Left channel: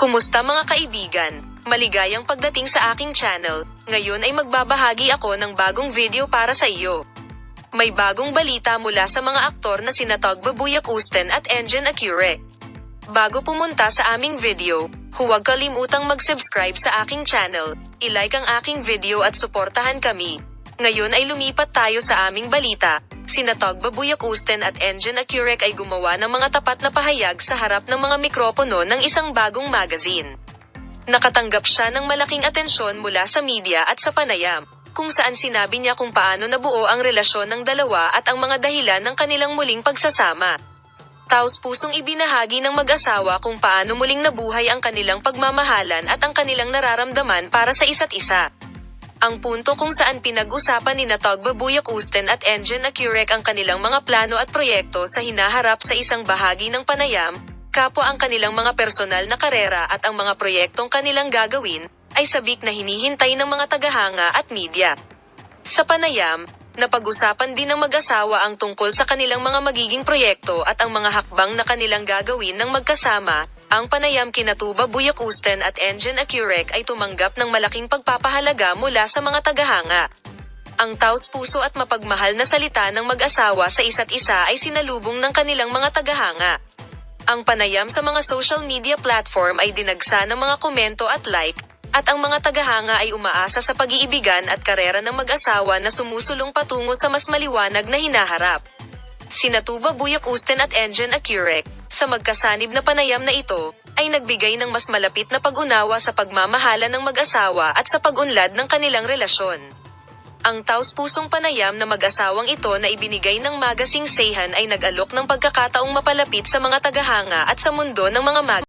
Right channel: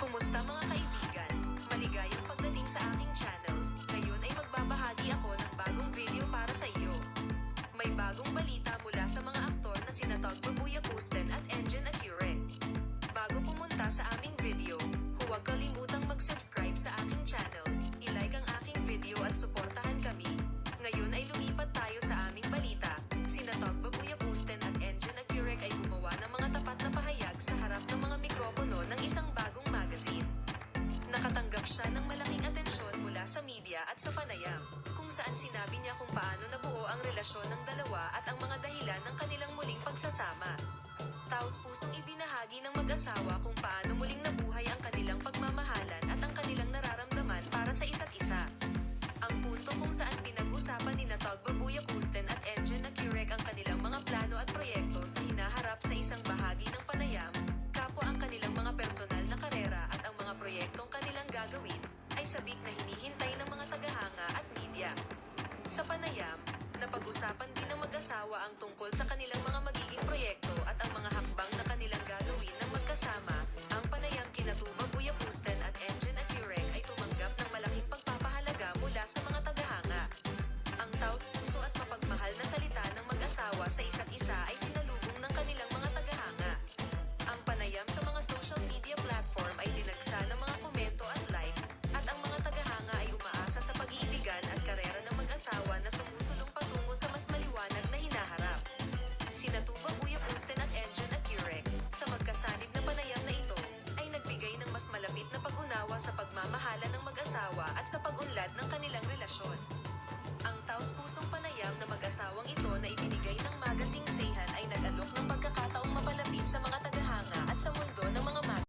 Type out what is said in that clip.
Kumusta mga kaibigan? Maligayang pagdating sa aking channel. Ngayon ay magbabahagi ako ng bagong video para sa iyo. May bagong balita mula sa mga aktor na sina Tog Babuyakusten at Engin Acure. Bago pumunta sa aming video, huwag kalimutang mag-subscribe sa aking channel, i-like ang aking video at suportahan kami. Ngayon ay lumipat tayo sa aming balita. Sina Tog Babuyakusten at Engin Acure ay gumawa ng mga tapat na pahayag sa harap ng mga mikropono ng isang bagong magazine. Nakatanggap siya ng malaking atensyon mula sa media at sa panayam, kung saan sinabi niya kung paano nabuo ang relasyon ng dalawa at ang mga dahilan ng kanilang muling pagsasama. Taos-pusong ibinahagi ng mag-asawa kung paano muling nabuhay ang kanilang pagmamahalan at ang kanilang nararamdaman para sa isa't isa. Ang punto kung saan pinag-usapan ni Tog Babuyakusten at Engin Acure ang kanilang mga plano at proyekto sa hinaharap sa isang bahagi ng panayam, kapwa ang kanilang mga personal na karera at ang mga proyektong kanilang gagawin, ay sabik na hinihintay ng mga tagahanga at media. Sa panayam, napag-usapan din ng mag-asawa ang tungkol sa kanilang mga magiging proyekto at ang mga hakbang na kanilang gagawin ng magkasama. Ang panayam kina Tog Babuyakusten at Engin Acure ay tumanggap ng malaking pagpapahalaga mula sa mga tagahanga. Ang taos-puso at mapagmahal na salita ng mag-asawa sa isa't isa ay sinalubong ng kanilang mga tagahanga. Ang panayam sa mga social media platform ay dinagsa ng mga komento at like, at ang mga tagahanga ay umaasa sa pag-iibigan at karera ng mag-asawa na sumusulong patungo sa mas maliwanag na hinaharap. Sina Tog Babuyakusten at Engin Acure, sa magkasanib na panayam na ito, ay nagbigay ng mas malapit na pag-unawa sa pagmamahala ng mag-asawa at sa pag-unlad ng kanilang relasyon. Ang taos-pusong panayam na mag-asawang ito na ibinigay ng magazine Seihan ay nag-alok ng pagkakataong mapalapit sa mga tagahanga at sa mundo ng mga